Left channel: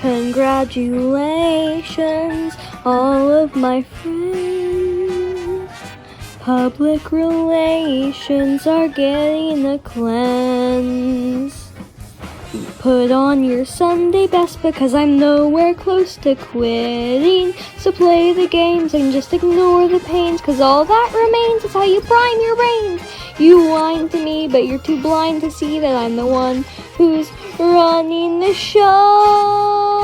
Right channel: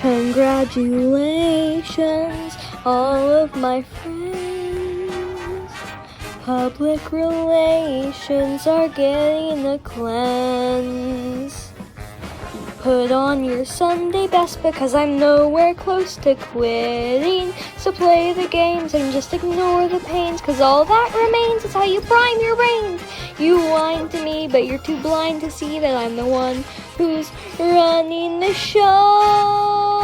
Congratulations, all of my friends. Public relations are getting a cleanse. Put on your Sunday best because I'm nowhere close to quitting. So play the games and just ignore the pains, cause all that remains is how you prime your brains. You lied to me, but you're too blind to see that I'm the one who's running the show.